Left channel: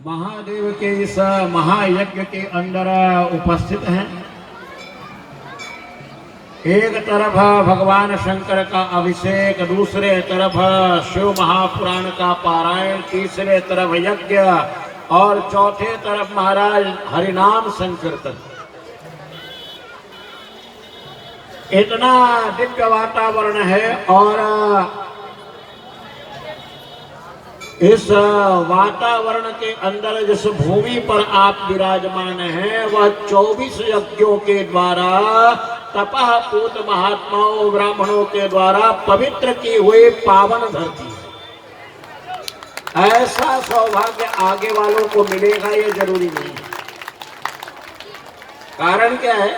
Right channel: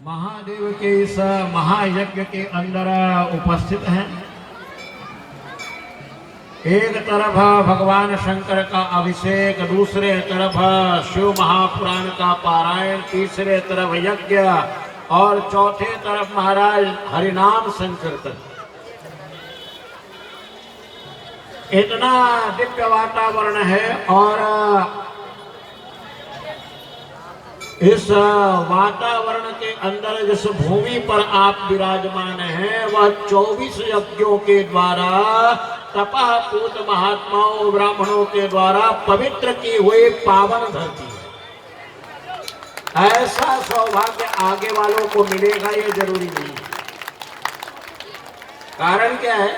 महादेव के इस महायज्ञ के अंदर उपस्थित हैं। एक तरफ भगवान शंकर का अभिषेक, दूसरे तरफ शिव महापुराण का पारायण, तीसरे तरफ यज्ञ और चौथे तरफ महाराज हरिनाम संकीर्तन। इतना दिव्य वातावरण है और इस वातावरण के अंदर जिस भूमि पर आप विराजमान हैं वह 24 यज्ञों के द्वारा तपः पूत महात्माओं ब्राह्मणों के द्वारा पवित्र की हुई पावन धरती है। ऐसा सौभाग्य आगे वालों को मिलेगा ये जरूरी नहीं। कारण क्या है?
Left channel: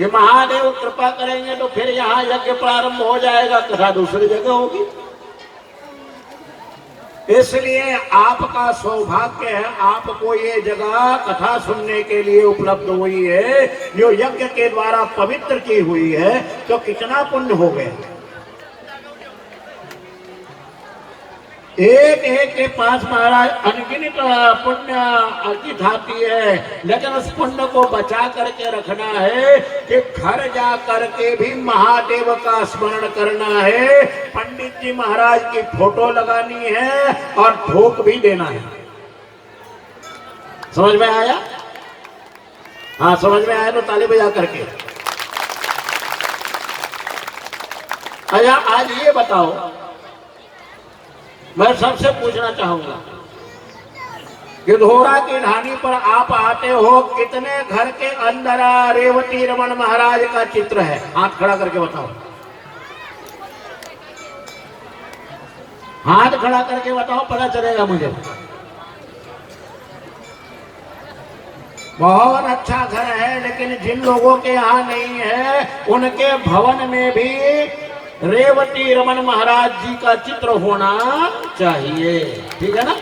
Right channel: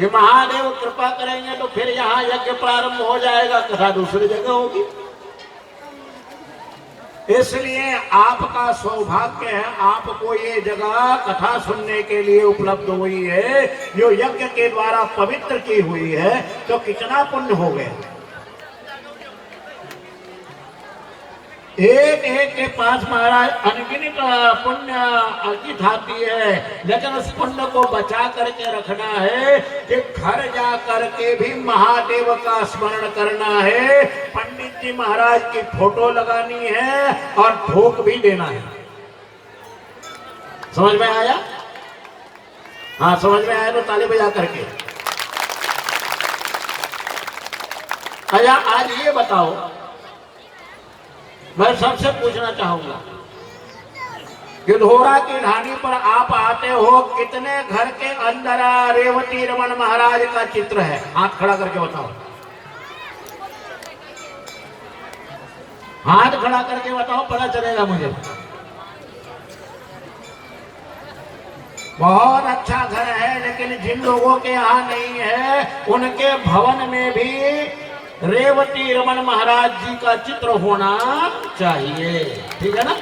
ये महादेव कृपा करेंगे तो फिर यहाँ यज्ञ प्रारंभ हो जाएगा, कथा दूसरी जगह होगी। इसलिए आपका सौभाग्य है, आपको ये जगह कथा सुनने के लिए उपलब्ध हुई है, जो यज्ञ के द्वारा पवित्र की हुई है, तो कितना पुण्य हो गया। एक एक के पास महाराज अनगिनत पुण्य अर्जित आती है, लेकिन उस पुण्य को बचा करके रखना है कि घर जा करके भी महादेव का स्मरण करना है, पंडित जी महाराज की फोटो लगानी है और भोग भी देना है। समझ में आया? हाँ, समझ में आया तो ताली बजा करके। अच्छा, आज ये बताओ, मैं सबसे पूछना चाहूंगा कि ढोरा की ढाणी पर आप आते हो, कितने घर के अंदर रेवती रमन महाराज का चित्र है? हाथ खड़ा करके बताओ, हाथ खड़ा करके बताओ, पता चलेगा मुझे। बहुत अच्छा घर है, लेकिन जिन लोगों के यहाँ नहीं है उनके भवन में भी रेवती रमन महाराज जी का चित्र होना चाहिए, ठीक है ना?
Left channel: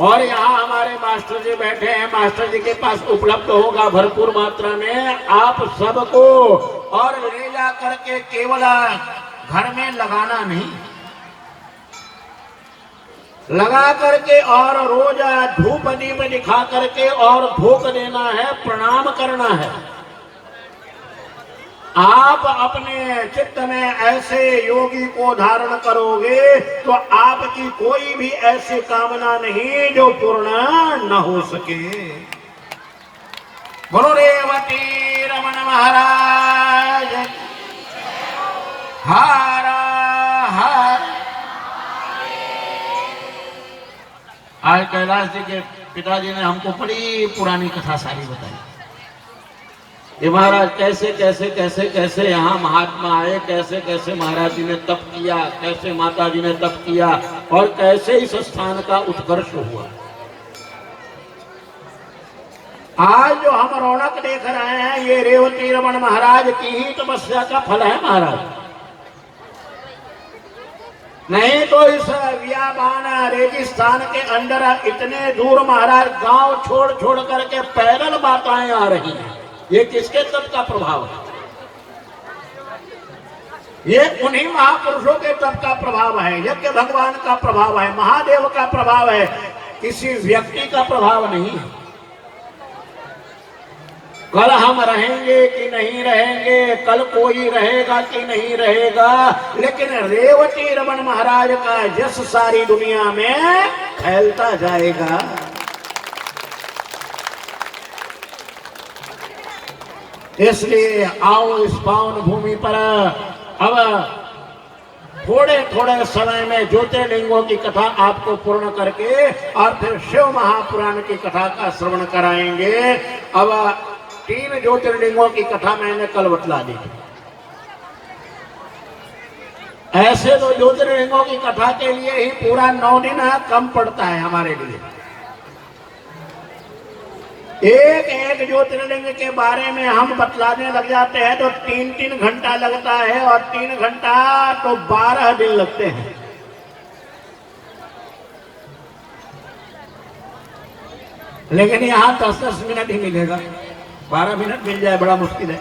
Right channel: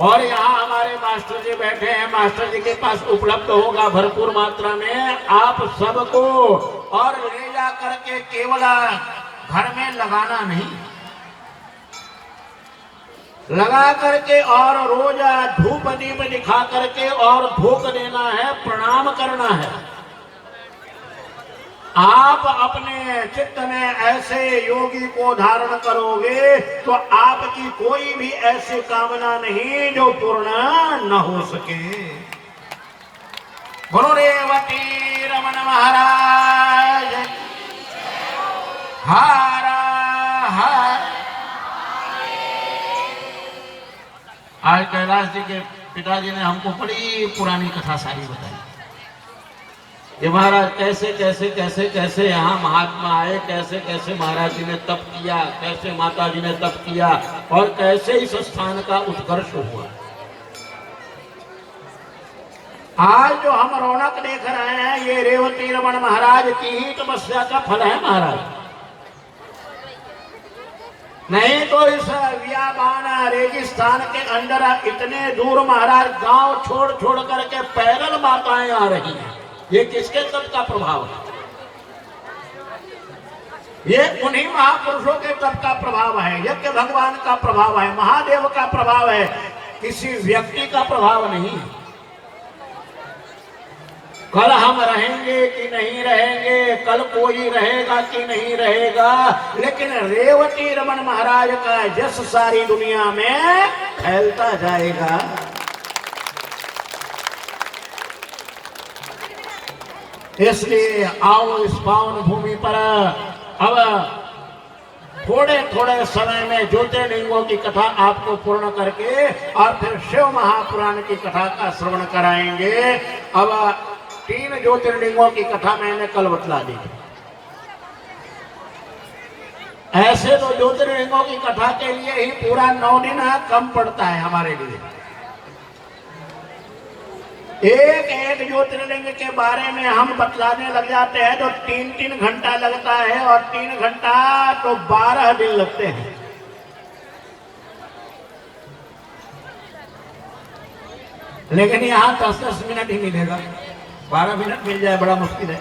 और यहाँ हमारे मास्टर जी बैठे हैं, मास्टर जी के पास उपलब्ध होगा भरपूर मात्रा में। आप सबको और ले जा करके केवल घर में लगाना नहीं, लगा करके और रोज धूप दीप दिखा करके और भोग देना है, प्रणाम करना है। आप अपने चित्त में ऐसे योगी को धारण करोगे तो आपकी कोई भी ऐसी कामना नहीं जो पूर्ण न हो सके। गुरु रेवती रमन महाराज हर हर। आज कैलाश जी के पिताजी ने हमको बड़ी पुरानी कथा सारी बताई। ये महाराज कैसे कैसे कैसे कैसे यहाँ महात्मा आए, कैसे कैसे महाराज जी ने तप किया, कैसे माता जी ने तप किया और कैसे इस स्थान का उत्कर्ष हुआ। आज जो हम रौनक देख रहे हैं ये रेवती रमन महाराज की ही तपस्या का फल है महाराज। नहीं तो इस बियाबान रेगिस्तान के अंदर इतने दूर महाराज गांव छोड़ छोड़ करके पैदल माताएं आ रही हैं। ये किसके तप का प्रभाव है? ये उन्हीं महापुरुषों के तप का प्रभाव है, यज्ञ भगवान का प्रभाव है, महादेव का प्रभाव है, किसी व्यक्ति का प्रभाव नहीं है। कल हम रहेंगे कि नहीं रहेंगे, कल कोई रहेगा कि नहीं रहेगा, लेकिन रेवती रमन महाराज का जस सारी दुनिया में फैलता जाएगा। इसलिए आओ इस पावन भूमि पर अब थोड़े थोड़े समय में ज्योतिर्लिंगों की कथा आपको पूर्ण करके और फिर शिव महापुराण की कथा का श्रवण कराएंगे। अब 3 ज्योतिर्लिंगों की कथा मैंने कल बतला दी। ऐसे तो ज्योतिर्लिंगों की कथा के लिए ही पूरा 9 दिन कम पड़ता है हमारे लिए। एक एक ज्योतिर्लिंग के बारे में हम बतलाने लग जाते हैं तो 3-3 घंटा लगता है और 3 घंटा तो 12 दिन लगते हैं। लेकिन यहाँ 10-10 मिनट ही मिलेगा, 12 मिनट मिल जाए बड़ा मुश्किल है।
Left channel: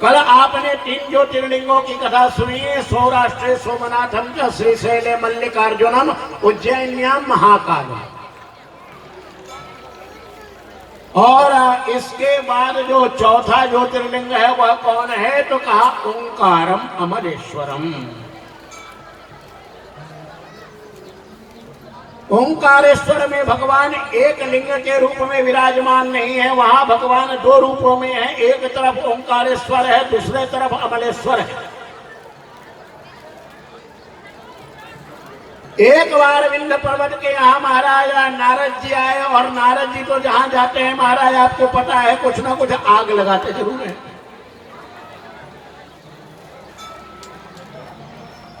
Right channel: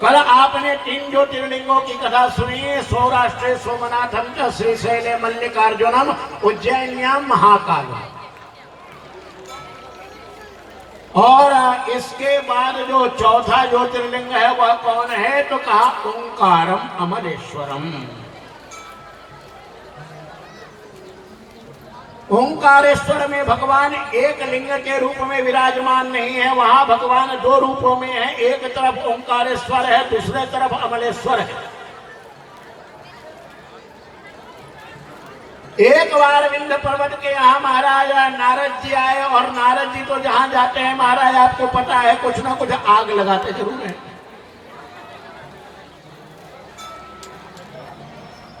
कल आपने आपने 3 ज्योतिर्लिंगों की कथा सुनी। सौराष्ट्र सोमनाथम च श्रीशैले मल्लिकार्जुनम उज्जैन्याम महाकालम। और इसके बाद जो चौथा ज्योतिर्लिंग है वह कौन है? तो कहा ओंकारम अमरेश्वरम। ओंकारेश्वर में भगवान एक लिंग के रूप में विराजमान नहीं है, वहां भगवान 2 रूपों में है। एक तरफ ओंकारेश्वर है, दूसरे तरफ अमलेश्वर है। एक बार विंध्य पर्वत के यहाँ महाराज नारद जी आए, और नारद जी तो जहां जाते हैं महाराज आपको पता है कुछ ना कुछ आग लगाते जरूर है।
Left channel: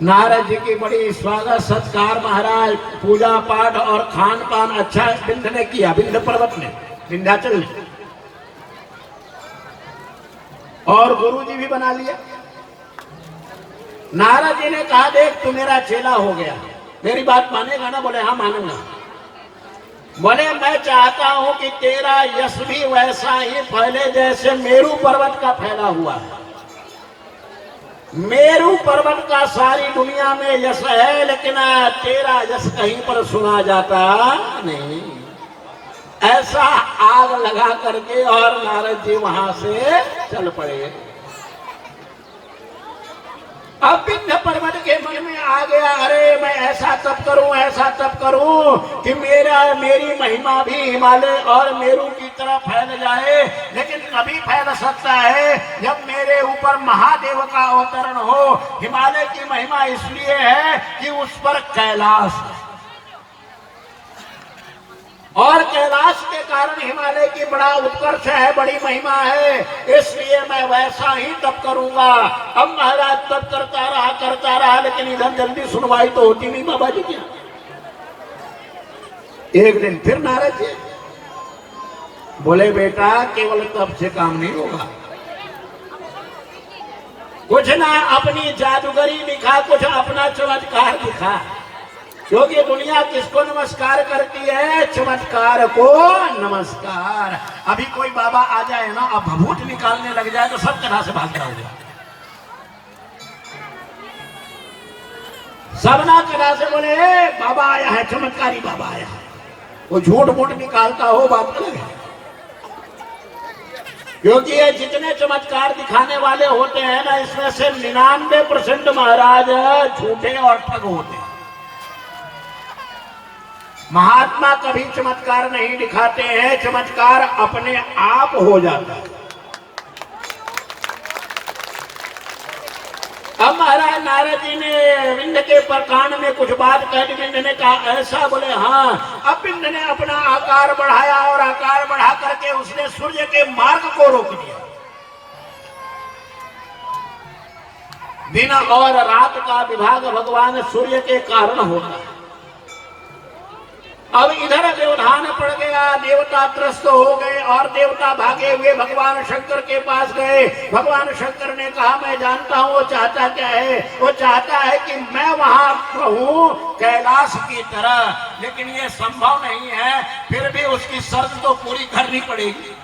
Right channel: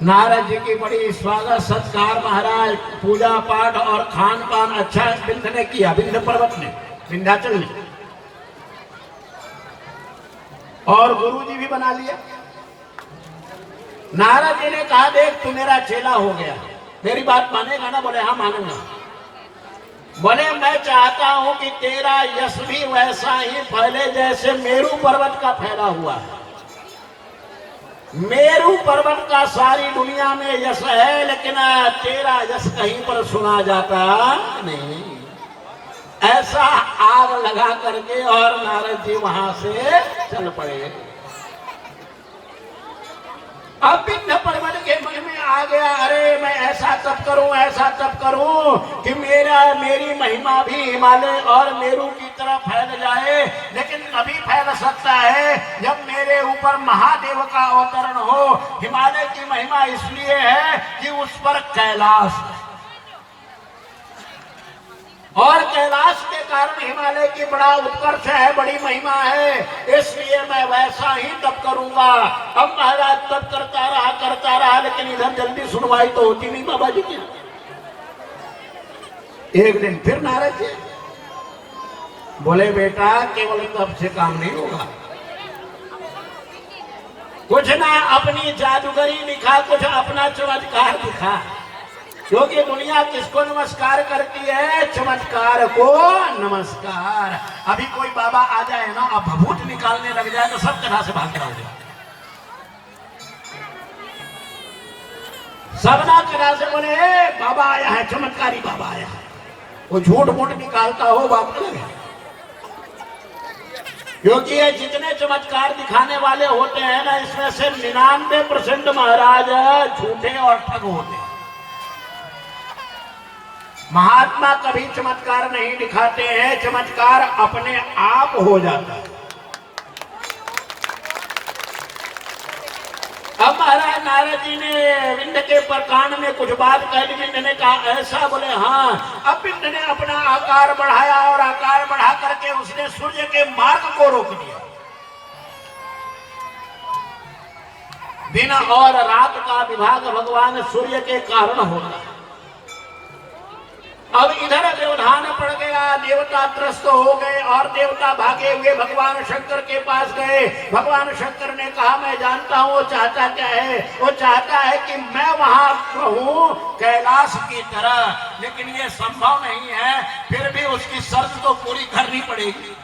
नारद जी की बड़ी स्वागत सत्कार महाराज, पूजा पाठ और खान पान अच्छा विंध्य ने किया, विंध्य पर्वत ने, विंध्याचल ने, और गुरु जी भी बना लिया। नारद जी ने कहा देख तू मेरा चेला हो गया, मेरी बात मानेगा ना? बोले हाँ मानूंगा। बोले मैं चाहता हूं कि तेरा यश भी वैसा ही फैले जैसे मेरू पर्वत का फैला हुआ है। मेरू पर्वत का सारी दुनिया में यश है, लेकिन तेरा यश कहीं पर सुना जाता नहीं। ऐसा आग लगा करके और नारद जी वहां से चल पड़े। अब विंध्य पर्वत के मन में आ गया, अरे मैं ऐसा तप करूं, ऐसा तप करूं कि मेरी महिमा भी हिमालय और मेरू की तरह फैल जाए। लेकिन तभी फैल सकता है जब मेरे ऊपर महादेव का अवतरण हो। हिमालय की महिमा इसलिए है कि उस पर कैलाश, और कैलाश के कारण हिमालय की बड़ा उत्कर्ष है, बड़ी महिमा है, इसलिए मैं वैसा ही तप करूंगा। अब महाराज तप करता रहा, लेकिन इधर जल्दी सुनवाई तो होती नहीं बाबा जी की। एक दिन फिर नारद जी बोले बेटा केवल तप से काम नहीं होगा, कुछ ना अपनी जादूगरी दिखा, कुछ अपना चमत्कार दिखा। क्योंकि दुनिया किसको नमस्कार करती है? चमत्कार को नमस्कार। अभी कोई बाबा आ जाए ना, अब भभूत निकालने लग जाए तो सब तरह से भागता होगा, सब ना तरह से बोले बाबा आया है, चमत्कारी बाबा आया है। वो झूठ मूठ निकालता हो बात अलग है, क्योंकि ये जितने चमत्कार दिखाने वाले होते हैं ना, इसमें से 99% महाराज झूठे और ठग होते हैं। महात्मा कभी चमत्कार नहीं दिखाते हैं, चमत्कार अपने आप हो जाता है। अब महाराज नारद जी ने विंध्य के कान में कुछ बात कह दी। विंध्य ने कहा ऐसा? बोले हाँ। अब विंध्य ने अपना आकार बढ़ाया, और आकार बढ़ा करके उसने सूर्य के मार्ग को रोक दिया। दिन और रात का विभाग भगवान सूर्य के कारण होता है। अब इधर व्यवधान पड़ गया, देवता त्रस्त हो गए, और देवता भागे हुए भगवान शंकर के पास गए। भगवान शंकर ने कहा मैं जानता हूँ वो चाहता क्या है। वो चाहता है कि मैं वहां रहूं कैलाश की तरह, लेकिन ये संभव नहीं है। फिर भी उसकी शर्त तो पूरी करनी पड़ेगी।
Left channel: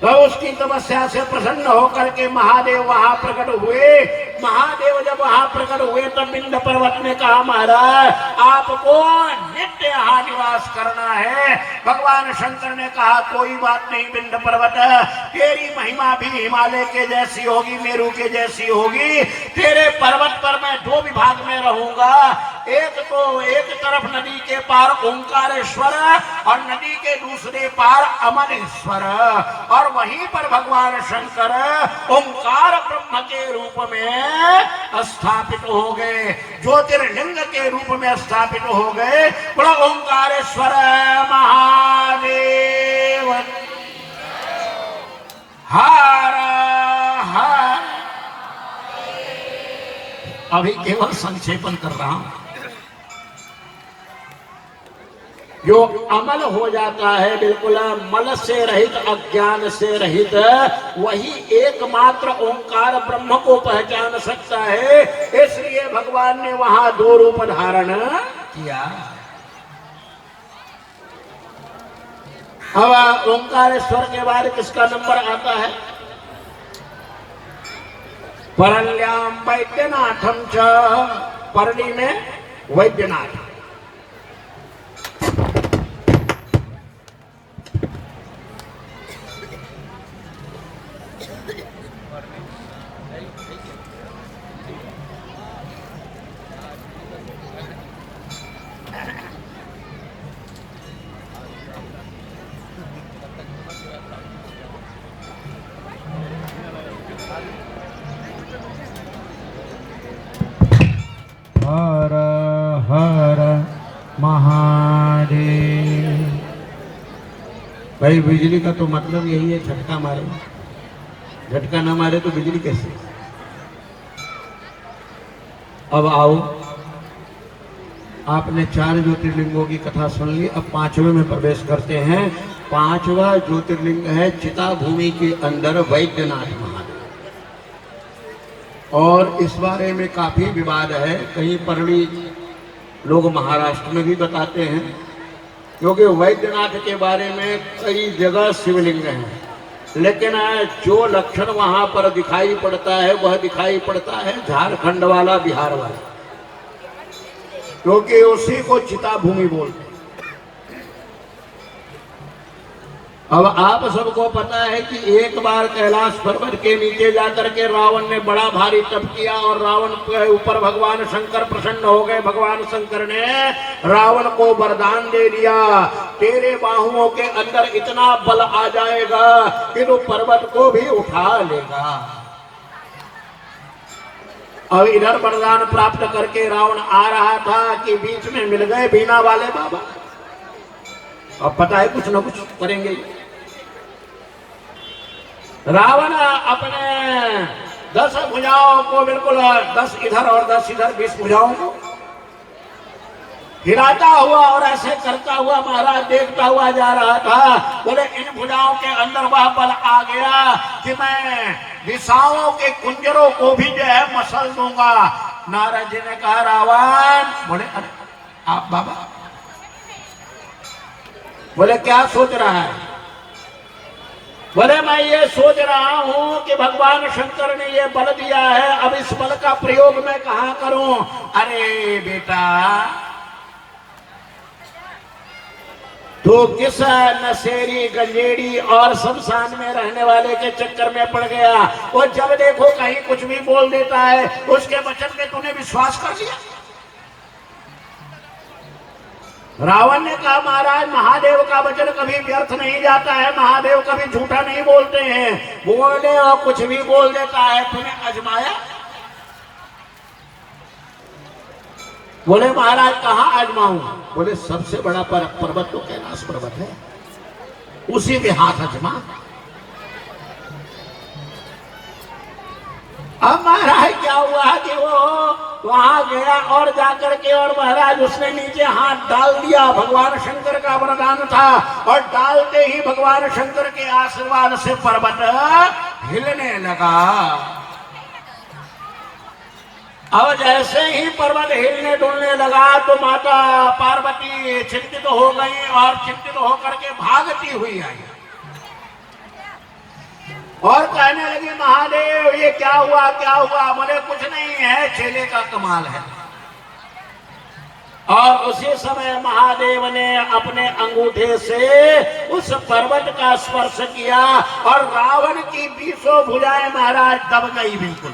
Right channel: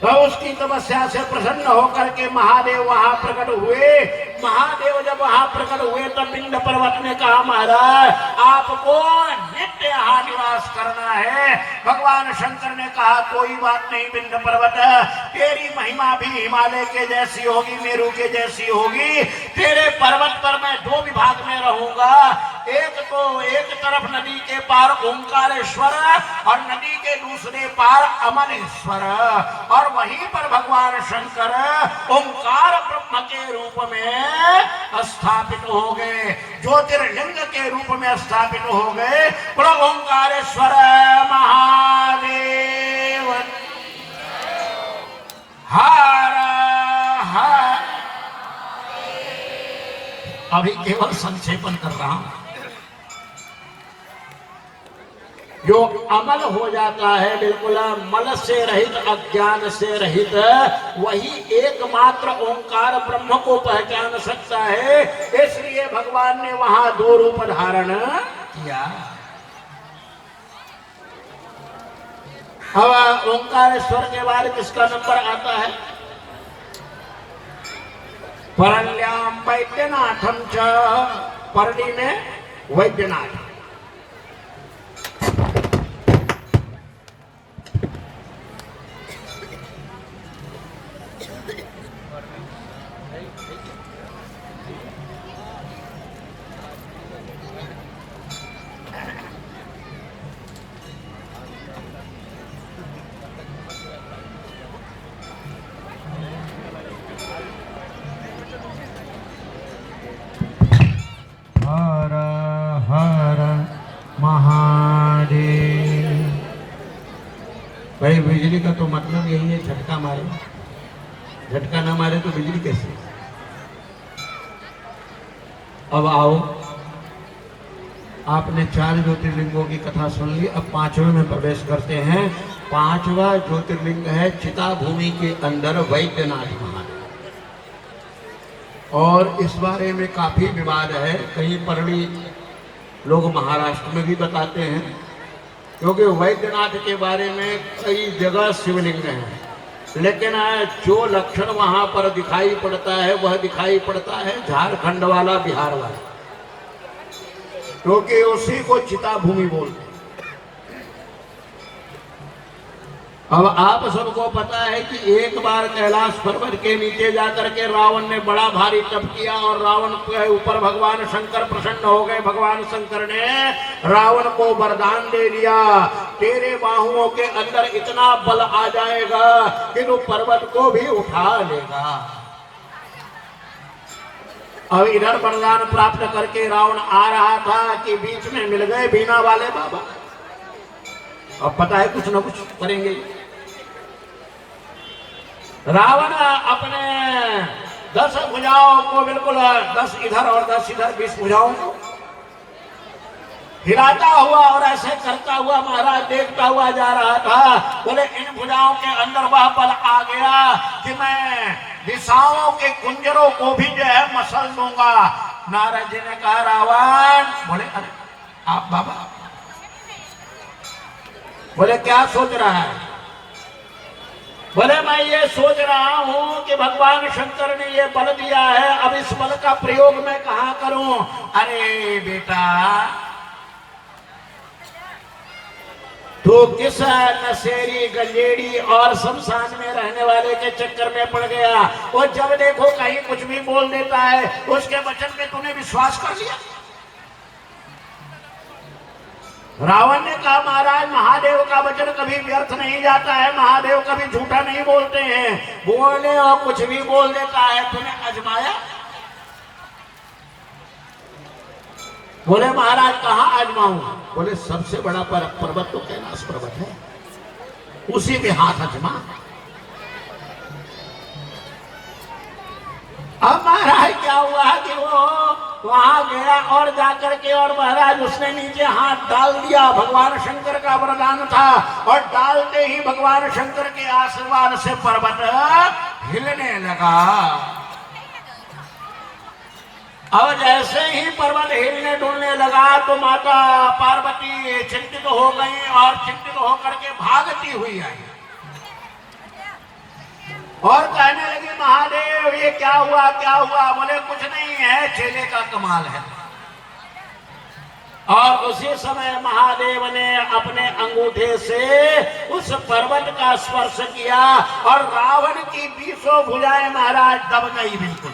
तो उसकी तपस्या से प्रसन्न होकर के महादेव वहां प्रकट हुए। महादेव जब वहां प्रकट हुए तब विंध्य पर्वत ने कहा महाराज आपको नित्य यहाँ निवास करना है। भगवान शंकर ने कहा कोई बात नहीं विंध्य पर्वत, तेरी महिमा भी हिमालय के जैसी होगी, मेरू के जैसी होगी। तेरे पर्वत पर मैं 2 विभाग में रहूंगा। एक तरफ नदी के पार ओंकारेश्वर और नदी के दूसरे पार अमलेश्वर, और वहीं पर भगवान शंकर ओंकार ब्रह्म के रूप में स्थापित हो गए, ज्योतिर्लिंग के रूप में स्थापित हो गए। बड़ा ओंकारेश्वर महादेव हर। अभी केवल संक्षेपण कर रहा हूं। जो अमल हो जाता है बिल्कुल मल से रहित, अज्ञान से रहित, वही एकमात्र ओंकार ब्रह्म को पहचान सकता है। इसलिए भगवान ने वहां 2 रूप धारण किया। अब ओंकारेश्वर के बाद किसका नंबर आता है? परण्याम वैद्यनाथम च, परणी में वैद्यनाथ। हर हर महादेव। भाई बिजली का तो मतलब यही है, झटका मारे। झटका ना मारे तो बिजली कैसे? अब आओ, आपने 4 ज्योतिर्लिंगों की कथा सुन ली, अब 5वें में प्रवेश करते हैं। 5वां ज्योतिर्लिंग है चिता भूमि के अंदर वैद्यनाथ महादेव। और इस बारे में काफी विवाद है, कहीं परली लोग महाराष्ट्र में भी बताते हैं, क्योंकि वैद्यनाथ के बारे में कई जगह शिवलिंग हैं, लेकिन जो लक्षण वहां पर दिखाई पड़ता है वह दिखाई पड़ता है झारखंड वाला, बिहार वाला, क्योंकि उसी को चिता भूमि बोलते हैं। अब आप सबको पता है कि एक बार कैलाश पर्वत के नीचे जाकर के रावण ने बड़ा भारी तप किया और रावण के ऊपर भगवान शंकर प्रसन्न हो गए। भगवान शंकर ने रावण को वरदान दे दिया, तेरे बाहुओं के अंदर इतना बल आ जाएगा कि तू पर्वत को भी उठा लेगा। अब इधर वरदान प्राप्त करके रावण आ रहा था कि बीच में मिल गए बीना वाले बाबा। अब पता है कुछ न कुछ करेंगे। रावण अपने 10 भुजाओं को बिल्कुल 10 इधर और 10 इधर 20 भुजाओं को हिलाता हुआ और ऐसे करता हुआ महाराज देखता हुआ जा रहा था। बोले इन भुजाओं के अंदर वह बल आ गया कि मैं दिशाओं के कुंजरों को भी जो है मसल दूंगा। नारद जी ने कहा रावण, बोले अरे आप बाबा, बोले क्या सोच रहा है? बोले मैं ये सोच रहा हूं कि भगवान शंकर ने ये बल दिया है, अब इस बल का प्रयोग मैं कहां करूं? अरे बेटा, तो किस नशेरी गंजेड़ी और शमशान में रहने वाले के चक्कर में पड़ गया? वो जब देखो कहीं कुछ भी बोल देता है, उसके वचन में तूने विश्वास कर लिया। रावण ने कहा महाराज महादेव का वचन कभी व्यर्थ नहीं जाता है, महादेव कभी झूठा नहीं बोलते हैं। बोले और कुछ भी बोल देता है, तुम्हें आजमाया? बोले महाराज कहाँ आजमाऊं? बोले सबसे बड़ा पर्वत तो कैलाश पर्वत है, उसी पे हाथ आजमा। अब महाराज क्या हुआ कि वो वहां गया और जाकर के और महाराज उसने नीचे हाथ डाल दिया। भगवान शंकर का वरदान था और डालते ही भगवान शंकर के आशीर्वाद से पर्वत हिलने लगा। और जैसे ही पर्वत हिलने डुलने लगा तो माता पार्वती चिंतित हो गई और चिंतित होकर के भागती हुई आई और कहने लगी महादेव ये क्या हुआ क्या हुआ? बोले कुछ नहीं है, चेले का कमाल है। और उसी समय महादेव ने अपने अंगूठे से उस पर्वत का स्पर्श किया और रावण की 20 भुजाएं महाराज दब गई बिल्कुल।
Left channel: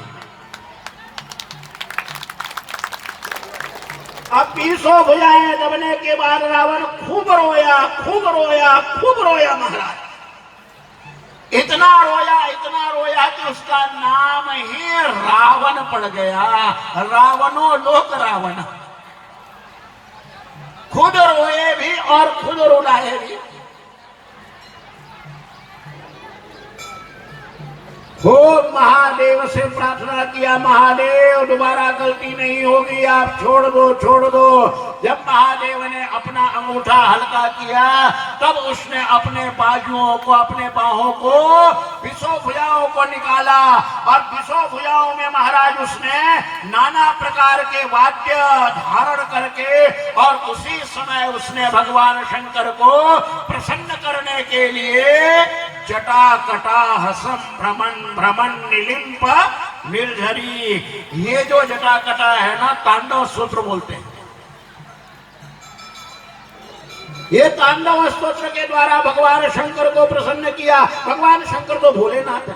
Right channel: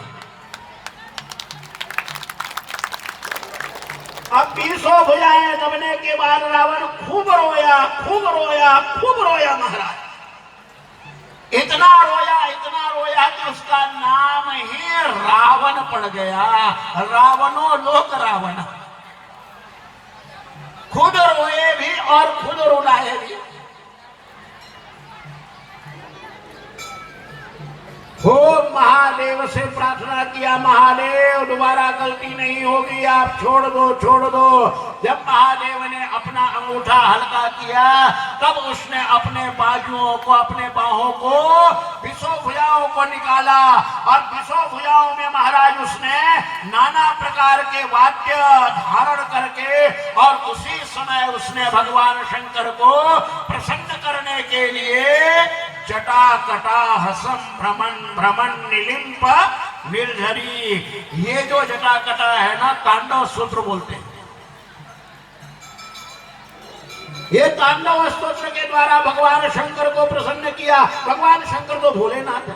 अब 20 भुजाएं दबने के बाद रावण खूब रोया खूब रोया खूब रोया महाराज। इतना रोया कि उसका नाम ही रावण पड़ गया। रावणों लोक रावण, खुद रोए भी और खुद रुलाए भी। खूब महादेव से प्रार्थना किया, महादेव दोबारा गलती नहीं होगी, आप छोड़ दो छोड़ दो। जब महादेव ने अपना अंगूठा हल्का किया तब उसने अपने बाजुओं को अपने बाहों को 20 भुजाओं को निकाला और 20 भुजाओं में महाराज उसने नाना प्रकार के वाद्य धारण करके, और उसी समय उसने भगवान शंकर को प्रसन्न करने के लिए जटा कटा हसत भ्रमण भ्रमण निलिम्प निर्झरी, ये जो जटा कटा है ना, तांडव सूत्र बोलते हैं। ये तांडव स्तोत्र के द्वारा भगवान शंकर को प्रसन्न किया। भगवान शंकर को भोलेनाथ है,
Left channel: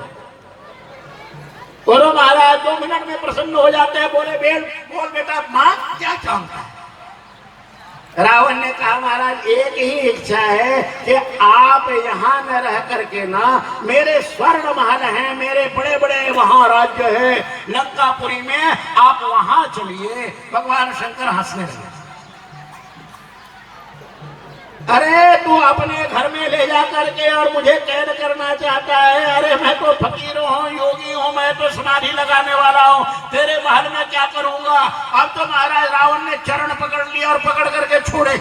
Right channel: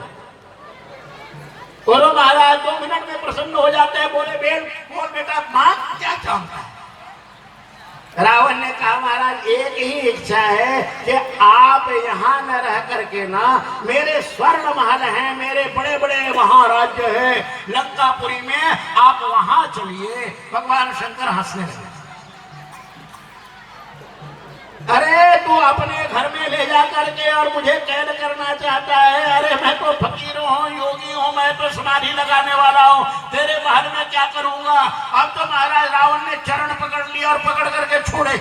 बोलो महाराज 2 मिनट में प्रसन्न हो जाते हैं। बोले बेल बोल बेटा, मां क्या चाहता है? रावण ने कहा महाराज एक ही इच्छा है कि आप यहाँ न रह करके ना, मेरे स्वर्ण महल हैं, मेरे बड़े बड़े वहां राज्य है लंकापुरी में, आप वहां चलिए। भगवान शंकर हंसने लगे, अरे तू अपने घर में ले जा करके और मुझे कैद करना चाहता है? अरे मैं तो फकीर हूँ, योगी हूँ, मैं तो समाधि लगाने वाला हूँ, तेरे महल में क्या करूंगा? अब तो महाराज रावण ने चरण पकड़ लिया और पकड़ करके छोड़े।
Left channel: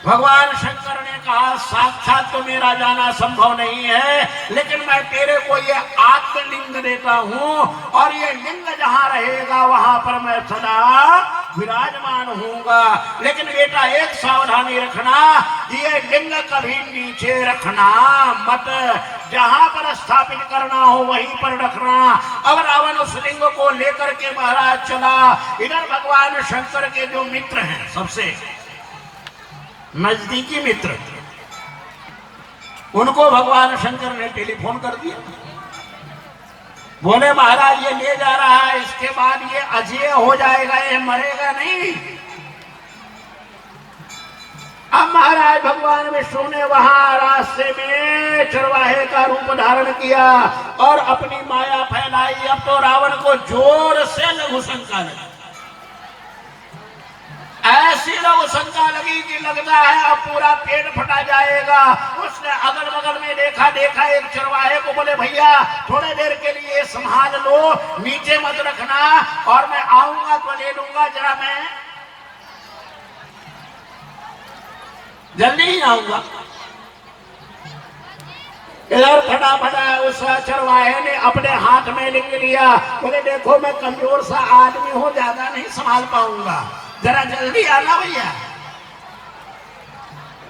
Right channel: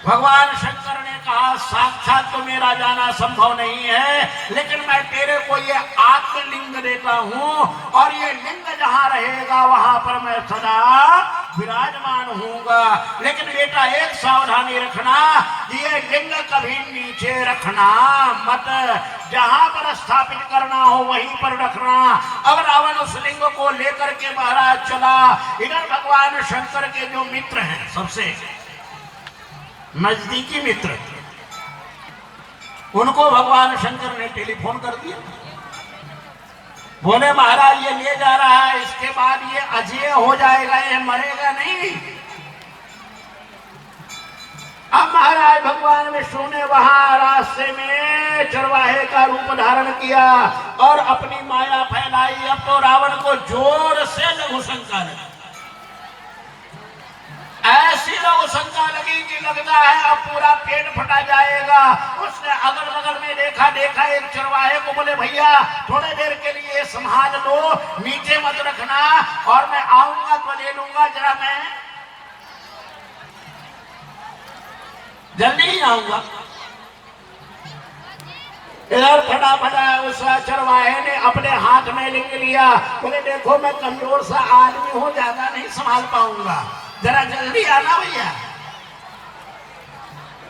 भगवान शंकर ने कहा साक्षात तो मेरा जाना संभव नहीं है, लेकिन मैं तेरे को ये आत्मलिंग देता हूँ, और ये लिंग जहाँ रहेगा वहां पर मैं सदा विराजमान हूँगा। लेकिन बेटा एक सावधानी रखना, ये लिंग कभी नीचे रखना मत, जहां पर स्थापित करना हो वहीं पर रखना। अब रावण उस लिंग को लेकर के महाराज चला। इधर भगवान शंकर के जो मित्र हैं, सबसे नजदीकी मित्र, उनको भगवान शंकर ने टेलीफोन कर दिया। बोले महाराज ये ले जा रहा है, इसके बाद ये अजेय हो जाएगा, ये मरेगा नहीं। अब महाराज भगवान विष्णु ने वहां रास्ते में चरवाहे का रूप धारण किया और अपनी माया फैलाई। अब तो रावण को जोर से लघु शंका लगी, ऐसी लघु शंका लगी कि लगता है अब पूरा पेट फटा जाएगा। उसने अगल बगल में देखा एक चरवाहे को, बोले भैया थोड़े देर के लिए संभाल लो, नीचे मत रखना, और मैं आऊंगा तो ले लूंगा, जरा मैं जल्दी ही आऊंगा। इधर फटाफटा उस चरवाहे ने अपने हाथ में लिख लिया, बोले देखो मैं कमजोर सा आदमी हूं, ज्यादा नहीं संभाल पाऊंगा, जरा जल्दी आना भैया।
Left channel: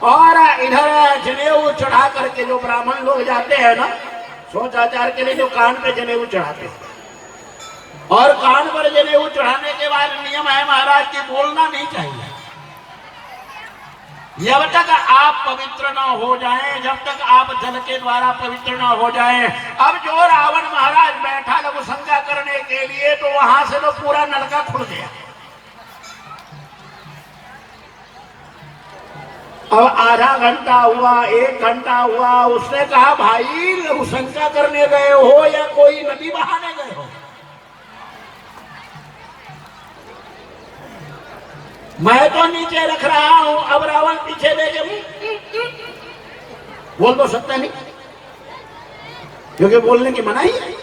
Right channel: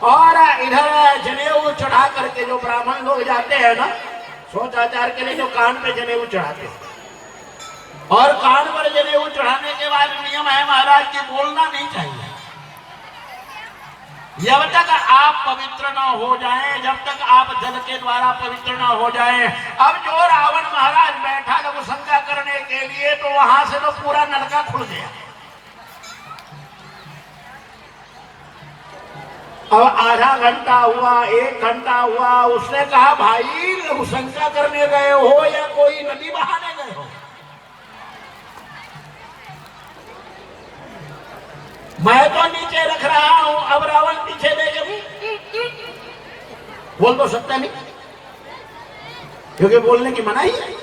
और इधर जनेऊ चढ़ा करके जो ब्राह्मण लोग जाते हैं ना सोचाचार के लिए, तो कान पे जनेऊ चढ़ाते हैं, और कान पर जनेऊ चढ़ाने के बाद नियम है महाराज की बोलना नहीं चाहिए जब तक आप पवित्र न हो जाएं, जब तक आप जल के द्वारा पवित्र न हो जाएं। अब जो रावण महाराज बैठा लोग शंका करने के लिए, तो वहां से तो पूरा नलका खुल गया। अब आधा घंटा हुआ, 1 घंटा हुआ, उसने कहा भाई लघु शंका करने गए हो या कोई नदी बहाने गए हो? मैं तो नीचे रख रहा हूं। अब रावण पीछे लेके बोल तो सकता नहीं, क्योंकि बोलने की मनाही है।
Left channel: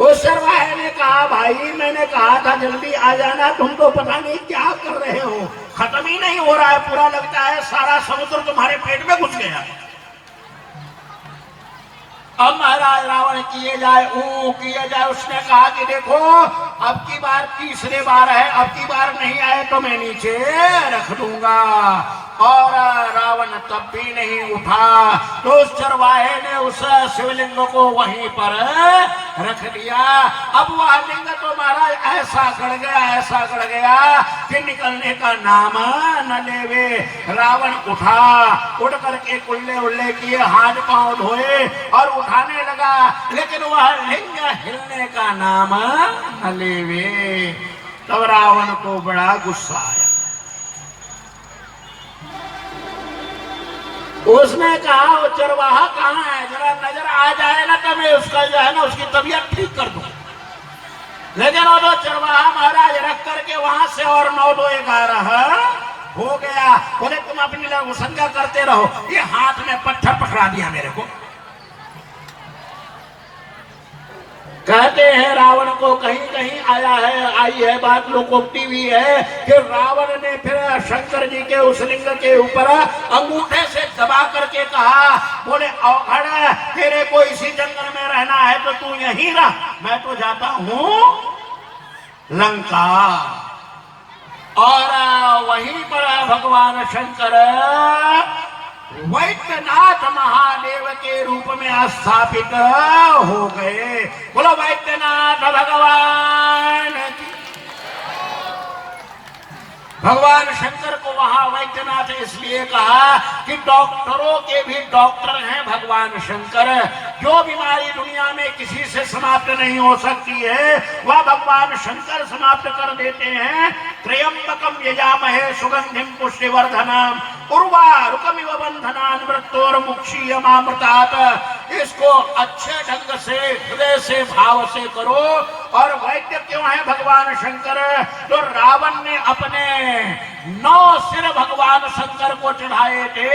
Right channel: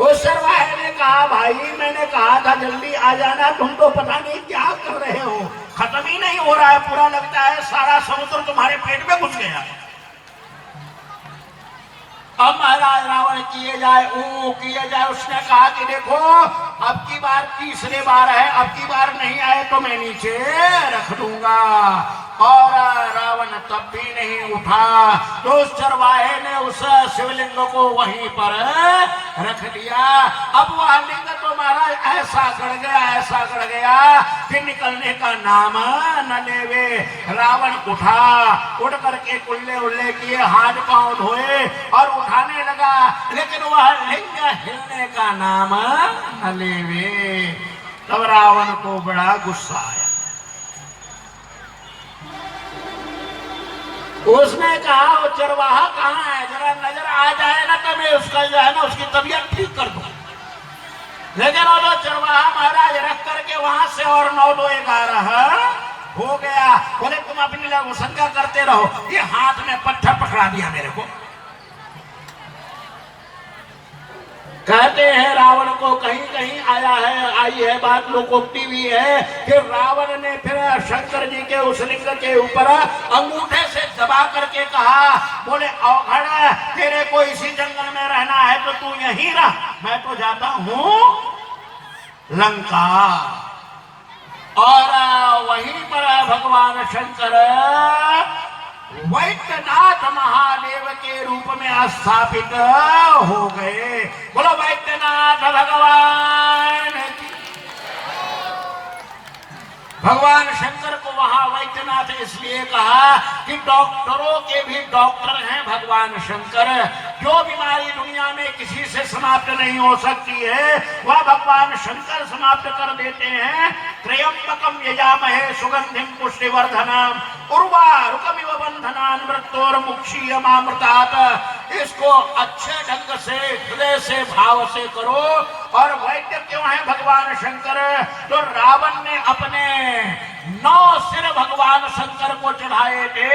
उस चरवाहे ने कहा भाई मैंने कहा था जल्दी आ जाना, तुम तो पता नहीं क्या कर रहे हो, खत्म ही नहीं हो रहा है, पूरा लगता है सारा समुद्र तुम्हारे पेट में घुस गया। अब महाराज रावण किए जाए किए जाए, उसने कहा कि देखो अब की बार तीसरी बार है, अब की बार नहीं आए तो मैं नीचे रख दूंगा। और रावण तब भी नहीं उठा, तो उस चरवाहे ने उस शिवलिंग को वहीं पर रख दिया। अब वह लिंग तो महाराज ऐसा गड़ गया कि निकलने का नाम न लेवे। रावण उठा, उड़ करके कुल्ले उल्ले किए, हाथ पांव धोए और उठाने लगा, लेकिन वह लिंग हिलने का नाम न लेवे। तब रावण को बड़ा गुस्सा आया। उसने कहा वो चरवाहा कहाँ है, जरा नजर आ जाए ना तो मैं उसका जो है ना उसकी तबीयत ठीक कर दूं। लेकिन वो तो चरवाहा महाराज रख करके वहां से और 9 2 11 हो गया। बोले तुम अपनी लोग शंका करते रहो, ये हाथ में पत्थर पकड़ा दिया मेरे को। कहते हैं रावण को कहीं कहीं आई है बात, लोकोक्ति भी है कि रावण ने फिर शंकर जी के उस लिंग के ऊपर अंगूठे से दबा करके कहा, बोले औघड़ तेरे को इसी जंगल में रहना है तो तू यहीं रह, मैं तो जाता हूं लंका। और वहीं पर भगवान शंकर वैद्यनाथ महादेव के रूप में स्थापित हो गए। बोलो वैद्यनाथ भगवान। भगवान शंकर को वहां वैद्यनाथ इसलिए कहा कि डॉक्टरों के भी डॉक्टर हैं भगवान शंकर। जो बीमारी दुनिया में किसी से समाप्त नहीं हो सकती है वह भगवान शंकर समाप्त कर देते हैं। त्र्यंबकम यजामहे सुगंधिम पुष्टिवर्धनम उर्वारुकमिव बंधनान् मृत्योर्मुक्षीयमामृतात्। इसको अच्छे ढंग से हृदय से भाव से करो। और वैद्य क्यों है भगवान शंकर? तो रावण ने अपने 9 सिर भगवान शंकर को चढ़ाए थे।